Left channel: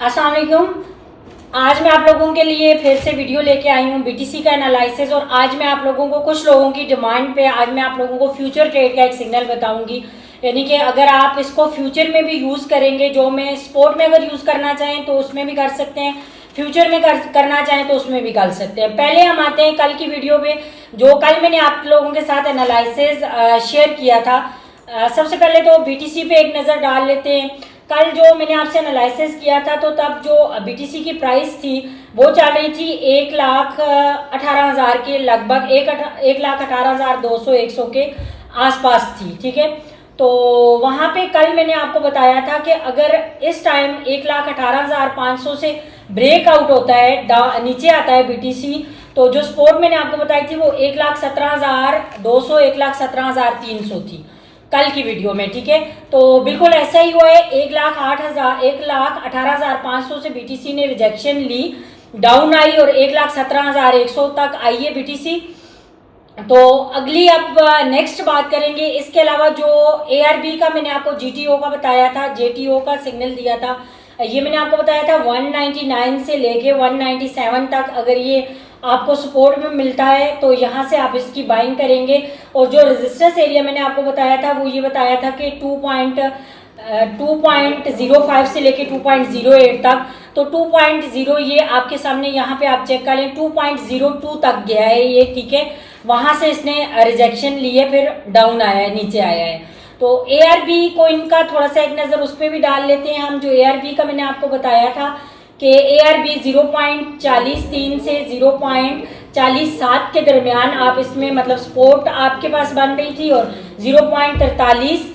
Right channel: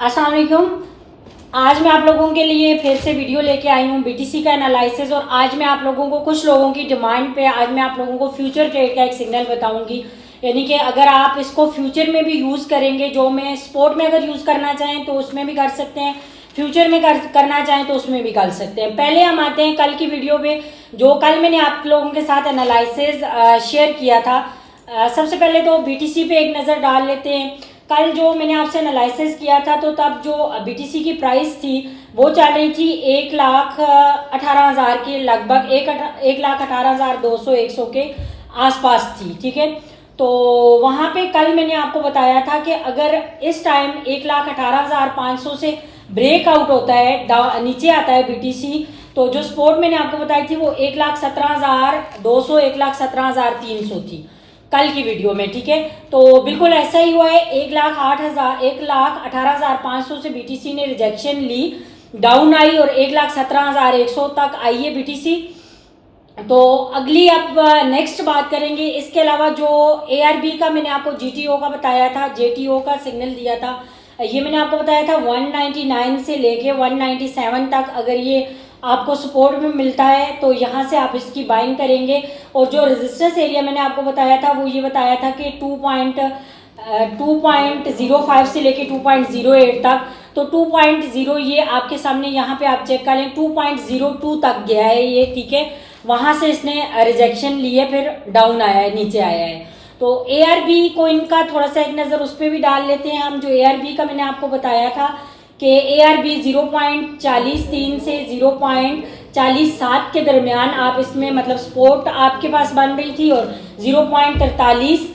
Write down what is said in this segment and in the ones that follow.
अस्सलाम वालेकुम। आज मैं आप लोगों के लिए फिर से वीडियो लेके आई हूँ बीटीसी का एनालिसिस। और आज मैं आप लोगों को कुछ लोगों की डिमांड पे आज मैं आप लोगों को फ्यूचर ट्रेड का एक सिग्नल बताऊंगी। यानी कि अगर आप इसको फ्यूचर में भी यूज़ करेंगे, जो में स्पोर्ट में अगर यूज़ करना चाहें तो उसमें भी कर सकते हैं, फ्यूचर में करना चाहें तो उसमें भी कर सकते हैं। पहले हम आते हैं कल की वीडियो पे, जो कल मैंने आप लोगों के साथ एनालिसिस शेयर किया था। सबसे पहले तो बीटीसी पे एक नज़र डाल लेते हैं। कल जो मैंने आपसे एनालिसिस किया था तो तब जो बीटीसी की प्राइस थी वो चल रही थी 1,18,000 के लगभग, 1,18,200 100 के आसपास थी। ठीक है, तो वहाँ पे कल मैंने आपको बताया था कि अगर इस टाइम 1,18,500 से ब्रेकआउट होता है, नीचे आता है बीटीसी, तो जो सपोर्ट मैंने आपको बताई थी वो 1,17,200 1,17,300 थी कल की वीडियो में। ठीक है, तो बिल्कुल ऐसा ही हुआ है। 1,18,500 से बीटीसी ने रिजेक्शन ली, डाउन आई और 1,17,100 तक आई है बीटीसी। तो अगली अब नेक्स्ट बात करेंगे। इसके अलावा जो एआरबी का मैंने आपको जीटीओ का बताया था, जेटीओ का सिग्नल दिया था, ये मैंने आपको बताया था 199 से लेके 197 तक अगर ये आपको सपोर्ट में मिलता है तो यहाँ से आप इसकी बाइंग करेंगे। और जो रेजिस्टेंस एरिया मैंने आपको बताया था वो ये बताया था कि 2.05 से लेके 2.08 तक। तो 2.0 ये आपके सामने यहाँ पे आप चेक कर लें, 2.02 तक गया है ये। ठीक है, वहाँ से इसने रिजेक्शन लिए, फिर डाउन आया है, नीचे आया है। तो एआरबी को इनका थोड़ा सा एक नज़र उस पर भी डाल लेते हैं हम। जो एआरबी का मैंने आपको बताया था कि एआरबी 0.43 से 0.47 के दरमियान आप इसमें मतलब सपोर्ट आपके पास बन रही थी, और 0.43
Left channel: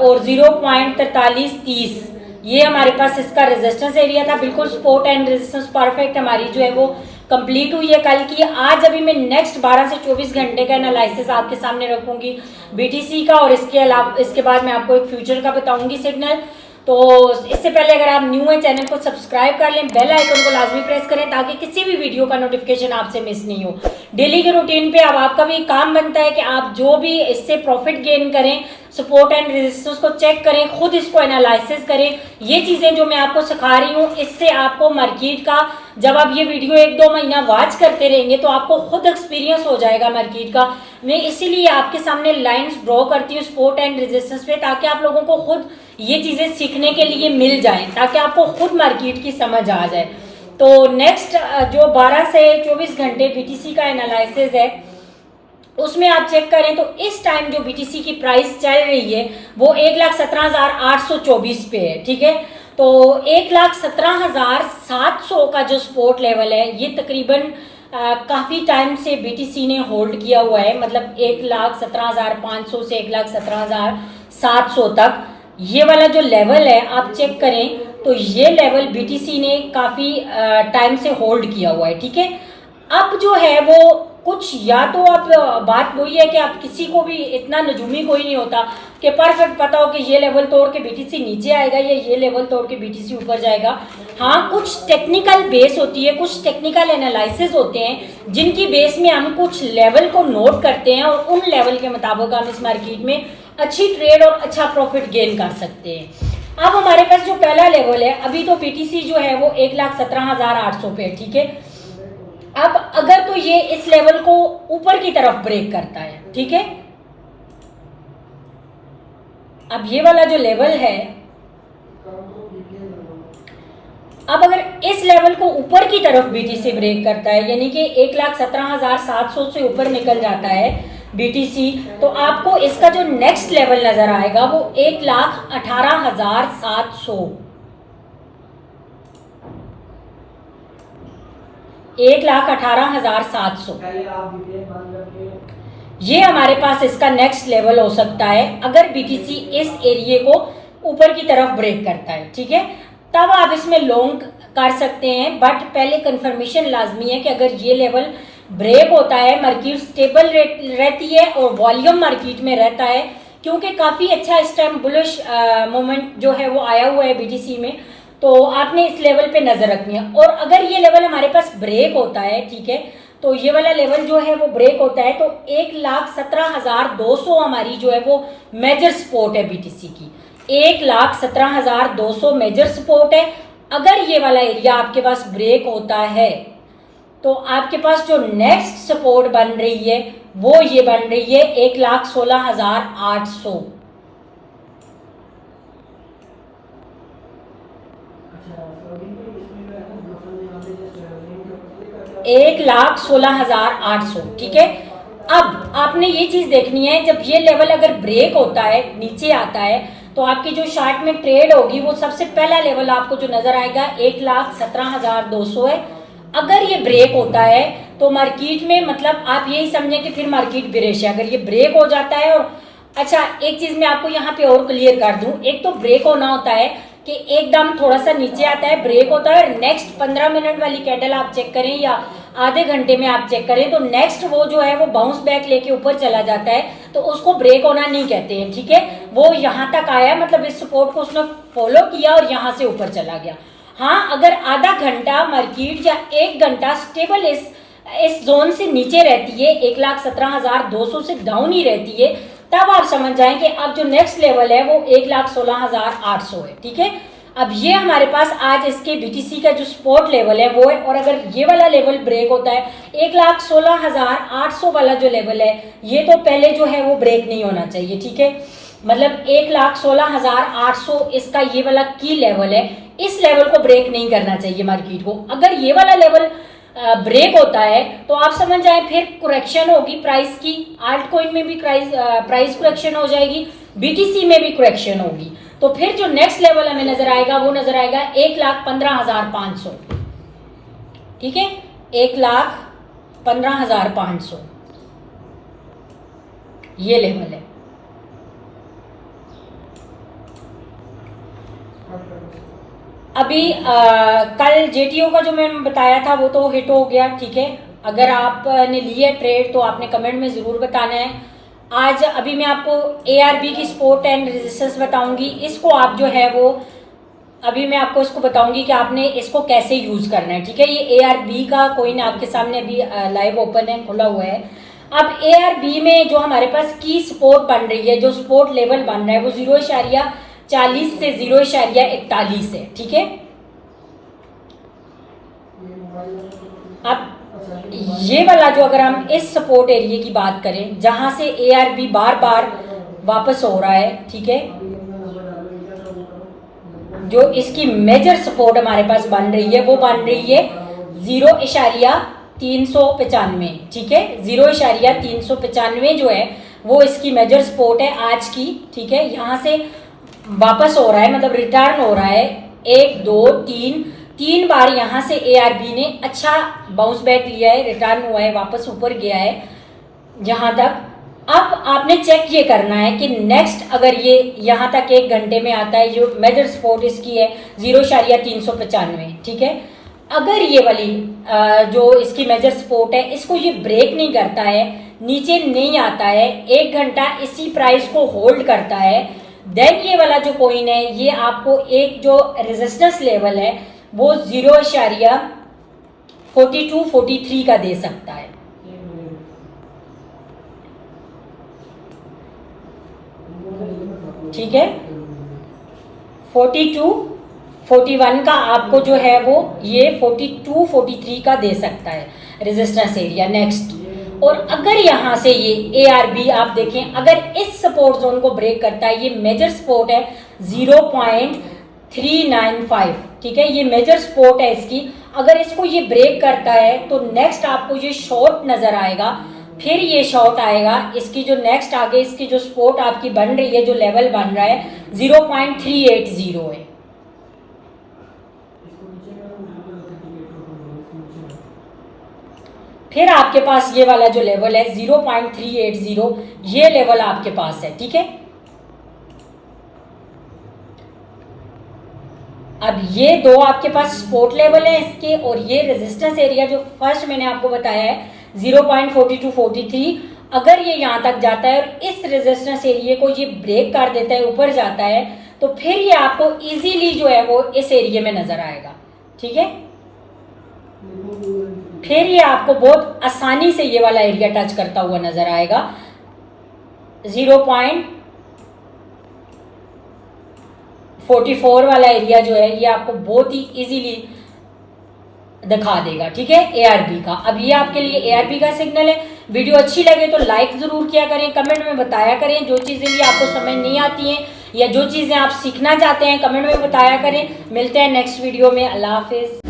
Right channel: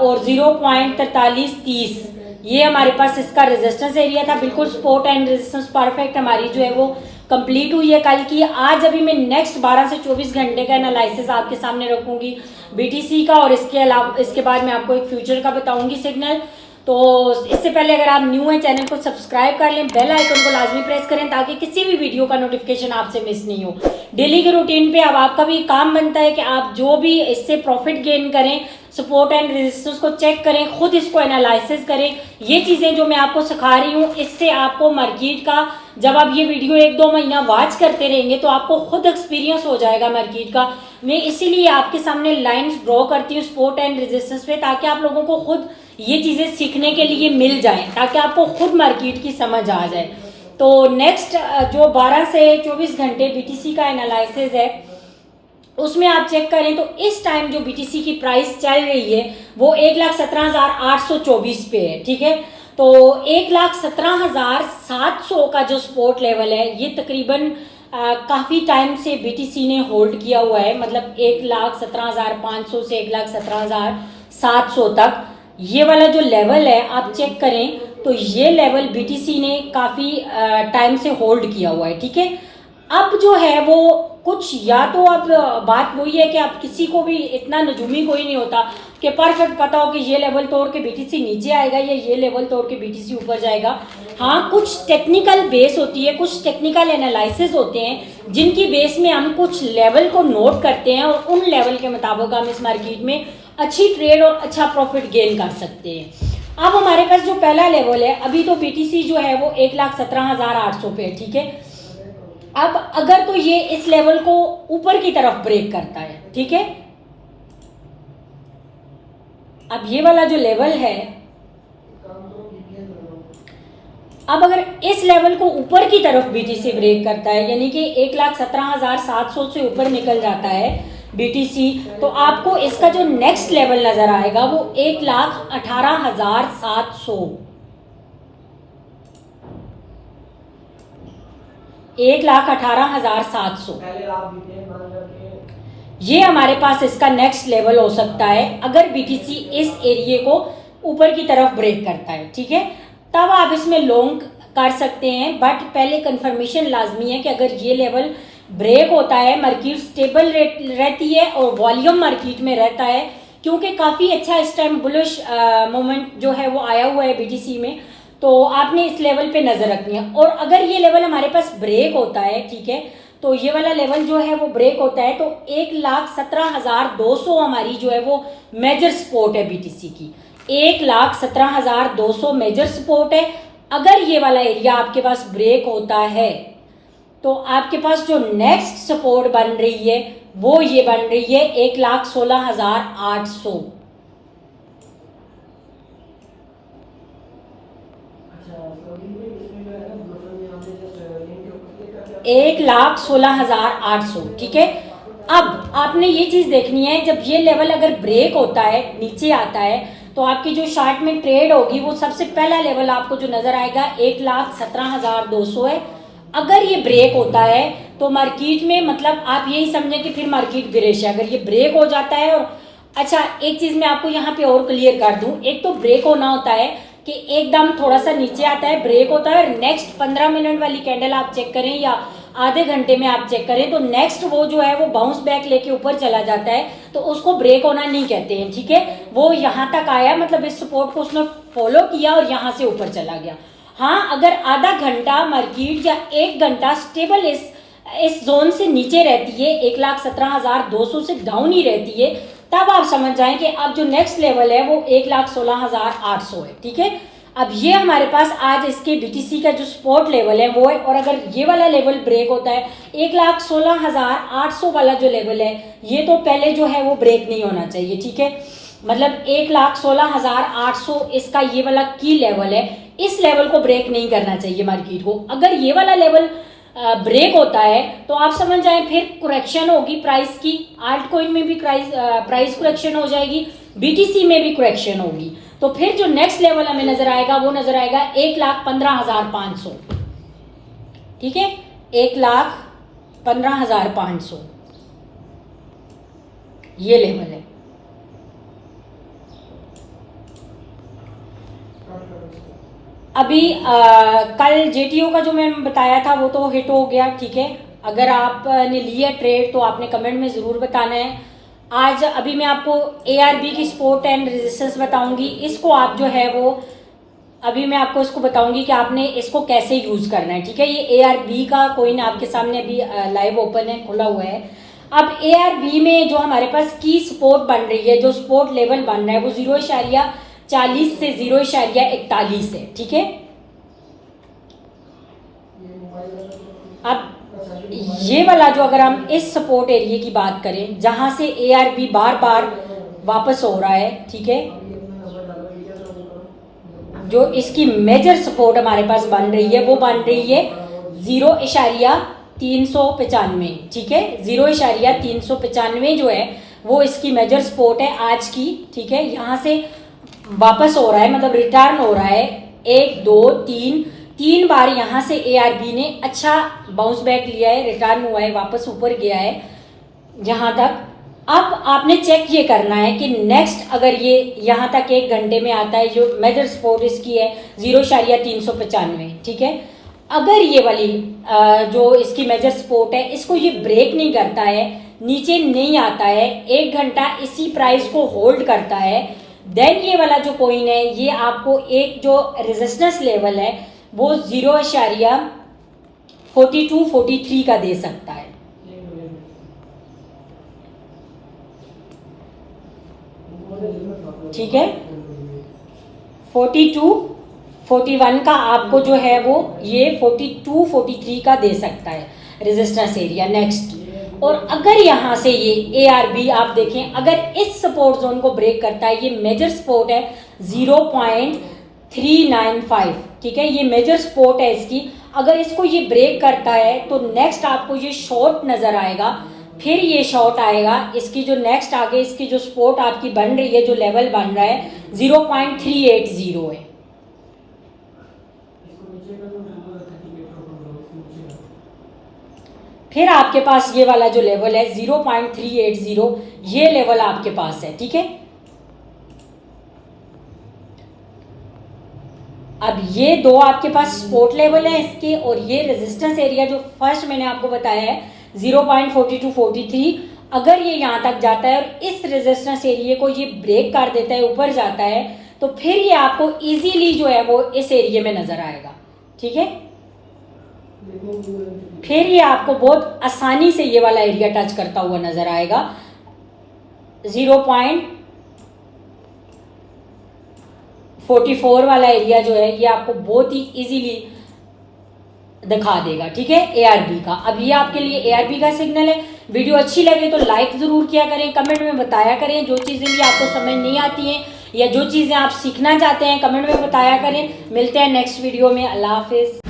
और 0.4330 ये हमारे पास इसका रेजिस्टेंस एरिया था। बिल्कुल सपोर्ट एंड रेजिस्टेंस परफेक्ट हमारी जो है वो कंप्लीट हुई है कल की। आज अभी मैं नेक्स्ट 12 से 24 घंटे का एनालिसिस आपके सामने रखूंगी बीटीसी का, और इसके अलावा इसके बाद मैं आपको एक फ्यूचर का बताऊंगी सिग्नल। तो इससे पहले अगर आप न्यू हैं चैनल को सब्सक्राइब कर लें, बेल आइकन को लाजमी प्रेस करें ताकि किसी भी वीडियो का नोटिफिकेशन आपसे मिस नहीं हो। डेली के रूटीन पे अब आपका भी काम बनता है कि आप जो भी इससे प्रॉफिट गेन करें, सपोर्ट एंड रेजिस्टेंस को चेक करें, खुद इसको एनालिसिस करें। ये चीज़ें जो मैं आपको सिखा रही हूँ इससे आपको मार्केट का, जब आप ये वीडियो 1-2 महीना वॉच करते रहेंगे तो आपको खुद एक्सपीरियंस हो जाएगा मार्केट का। मैं इसीलिए आपके सामने लाइंस ड्रॉ करती हूँ सपोर्ट एंड रेजिस्टेंस पे, ताकि आप लोगों को खुद ये चीज़ें सीखने के लिए मिल जाएं, ताकि आपको खुद मार्केट की समझ आ जाए। तो नेक्स्ट जो 12 से 24 घंटे बीटीसी का एनालिसिस है उसमें आप चेक करें तो इस टाइम जो बीटीसी की प्राइस चल रही है वो 1,17,824 पे है। ठीक है, तो 1,17,700 का जो सपोर्ट लेवल है ये तकरीबन काफ़ी टाइम से बीटीसी ने होल्ड किया हुआ है, मतलब 1,17,500 से 1,17,700 तक। ये वाला जो लेवल है आप चेक करें तो ये लेवल बीटीसी ने काफ़ी टाइम से होल्ड किया हुआ है। ठीक है, अब जो है वो कुछ, या तो अब बात वही है कि आप किसी को भी इतना नजूमी कोई नहीं होता कि परफेक्ट पता हो कि ये लेवल तोड़ के बीटीसी नीचे आएगा या ये लेवल तोड़ के बीटीसी ऊपर जाएगा। हाँ, कुछ टेक्निकल बेस होती है, कुछ टेक्निकल एनालिसिस होते हैं जिनकी बेस में हम कुछ लेवल को नोट करते हैं और उन लेवल के मुताबिक हम इस मार्केट में अच्छी ट्रेड और अच्छा प्रॉफिट गेन कर सकते हैं। अब हमारे पास जो पहला लेवल है, अभी तो बीटीसी जो है वो 1,17,800 पे है। ठीक है, अब अगर तो ये इस लेवल को ऊपर की तरफ ब्रेक करता है, ठीक है, अब ये वाला जो लेवल है, अब अगर इस लेवल को ऊपर की तरफ बीटीसी ब्रेक करता है यानी कि 1,17,700 से ऊपर निकल जाता है बीटीसी, तो आपको इसका जो नेक्स्ट लेवल नजर आएगा वो 1,18,700 1,18,700 ये हमारे पास इसका नेक्स्ट लेवल हो सकता है अगर बीटीसी इस एरिया को ऊपर की तरफ ब्रेक करता है। ठीक है, तब आप इसमें लॉन्ग कर सकते हैं, बट पहले कंफर्मेशन लाजमी है कि अगर ये लेवल ब्रेक होता है, मार्केट स्टेबल रहती है और वॉल्यूम मार्केट में रहता है, क्योंकि काफ़ी अच्छा इस टाइम बुलिश मोमेंट जो है वो आया हुआ है बीटीसी में, तो आपने इस लेवल पे नज़र रखनी है। और अगर ये लेवल हमारे पास ब्रेक होता है, ठीक है, तो ये वाला लेवल जो है वो ब्रेक होता है तो 1,17,200 हमारी जो है वो मेजर सपोर्ट है बीटीसी की। 1,17,200 मेजर सपोर्ट है अगर ये वाला एरिया आपके पास ब्रेक होता है तो आपके पास जो नेक्स्ट सपोर्ट बन रही है वो ये बन रही है 1,16,800। 1,16,800, ठीक है। अब आपने ये चीज देखनी है, जब ये लेवल अगर ब्रेक होता है, नीचे आता है, तो आपकी जो चार्ट में ट्रेड होगी वो सबसे पहला लेवल आपको जो नजर आएगा 1,17,200 है। अगर ये ब्रेक होता है तो मार्केट में मतलब आप यही समझें कि फिर मार्केट गिरेश है। अगर ये ब्रेक हो जाता है और अच्छा, एक चीज मैं आपको यहाँ पे और क्लियर कर दूं, एक तो ब्रेक होना होता है कि एकदम थोड़ा सा नीचे आता है, ब्रेक होता है, और नेक्स्ट 15 मिनट वाली कैंडल आप चेक करें या आधे घंटे में आप चेक करें तो नेक्स्ट वो जो है वो बाउंस बैक लेके ऊपर चला जाता है, तो उसको ब्रेक होना नहीं कहते हैं, ठीक है। वो यहाँ तक आया, मतलब इस सपोर्ट को उसने फॉलो किया और यहाँ से ऊपर चला गया। हाँ, अगर आधा घंटा मार्केट या 1 घंटा स्टेबल इस जोन से नीचे रहती है, 1,17,200 से डाउन ही रहती है, तब आप समझ जाएं कि अब जो नेक्स्ट लेवल है वो 1,16,800 है, ठीक है। अब ये हमारे पास आज इसके बीटीसी का जो सपोर्ट लेवल है वो है, और अगर ये वाला लेवल ब्रेक होता है 1,16,800 वाला जो लेवल है, ये तो पहले जो है वो ब्रेक नहीं होना चाहिए, ठीक है। मतलब 1,16,800 इसका ये वाला की लेवल है, इस लेवल को ब्रेक नहीं करना चाहिए मार्केट को। अगर ये वाला लेवल ब्रेक होता है तो आप समझ जाए फिर करेक्शन होगी प्राइस की, आल्ट कॉइन में भी प्राइस करेक्शन हो जाएगी, बीटीसी में भी करेक्शन होगी, तो फिर जो नेक्स्ट लेवल हमें नजर आएगा वो नजर आएगा 1,15,500, ठीक है, 1,15,500 ये लेवल है। अभी कल जेटीओ का जो मैंने बताया था वो तो हिट हो गया, ठीक है। अगर आपने लिए ट्रेड तो आपने कमेंट में ज़रूर बताना है। आज अभी मैं आपको ARB की सपोर्ट एंड रेजिस्टेंस बताऊंगी, इसको आप जो है वो अभी मैं आपको इसको बताऊंगी कि आपने इसको कैसे यूज़ करना है, ठीक है। ये ARB का कॉइन आपके सामने अभी लाइव ओपन है, खुला हुआ है। अब ARB में जो हमारे पास की सपोर्ट बन रही है, जो सपोर्ट लेवल बन रहा है वो 0.40 से 0.41 है, ठीक है। अब ये वाला जो अगर हम इस सपोर्ट एरिया की बात करें जहां से ARB बार बार वापस हो रहा है, ठीक है, जो इसकी मेजर सपोर्ट हमारे पास बन रही है वो बन रही है 0.395, ठीक है। 0.395 जो है वो इसकी मेजर सपोर्ट है आज की, ठीक है। यहां से वापस हो रहा है, मतलब रिटर्न हो रहा है, 1 2 3 बार यहां से ARB ने अच्छा बाउंस बैक लिया है, रिटर्न हुआ है, वापस ऊपर गया है यहां तक। अब आपने चेक ये करना है कि नेक्स्ट अगर ये यहां तक 1 घंटे में आता है, जो मेजर सपोर्ट इसकी है 0.395, ठीक है। अगर ये वाली जो इसकी मेजर सपोर्ट है इसको ये ब्रेक नहीं करता है, नीचे नहीं आता है, 1 घंटा इसी प्राइस को होल्ड करता है, देन ये वाला जो कॉइन है ये आपको एक जो रेजिस्टेंस लेवल है वो 0.4243 का दे सकता है, ठीक है। 4241 का आपको जो है वो ये 4243 का दे सकता है रेजिस्टेंस एरिया नेक्स्ट। और अगर यहां से ये ARB आप देखें, अगर इस सपोर्ट जोन को ब्रेक करता है, ये मेजर सपोर्ट है 0.395, ठीक है, ये मेजर सपोर्ट है इसकी। अगर इसको ये ब्रेक करता है तो नेक्स्ट आपको ये शॉर्ट नजर आएगा, फिर ये शॉर्ट आएगा, इसकी जो नेक्स्ट आगे इसकी जो सपोर्ट आपकी बन रही है, जो लेवल बन रहा है 0.380 है, फिर आपके पास ये वाला जो लेवल है 0.380, ये लेवल आपके पास है, ठीक है। अब ये दो आपके पास सपोर्ट लेवल है इसके, और ये रेजिस्टेंस एरिया जो फर्स्ट मैंने आपको बताया है 0.4243, अगर ये यहां तक जाता है और इस रेजिस्टेंस एरिया को ये ब्रेक कर देता है, ऊपर जाता है, तो फिर ये आपको इजीली जो है वो इस एरिया में नजर आएगा, ठीक है। फिर ये आपको बहुत आसानी से ये वाला एरिया टच करता हुआ नजर आएगा 0.4243 44 वाला एरिया जो है ये आपको बहुत ही इजीली दिखा देगा, ठीक है, ARB का। अब ये आपके लिए ARB का सिग्नल है। वीडियो अच्छी लगे तो लाइक जरूर किया करें, कमेंट में बताया करें जो चीजें भी आपको समझ नहीं आती हैं या जो चीजें आप सीखना चाहते हैं, कमेंट में बताया करें। मिलते हैं नेक्स्ट वीडियो में। अल्लाह हाफिज।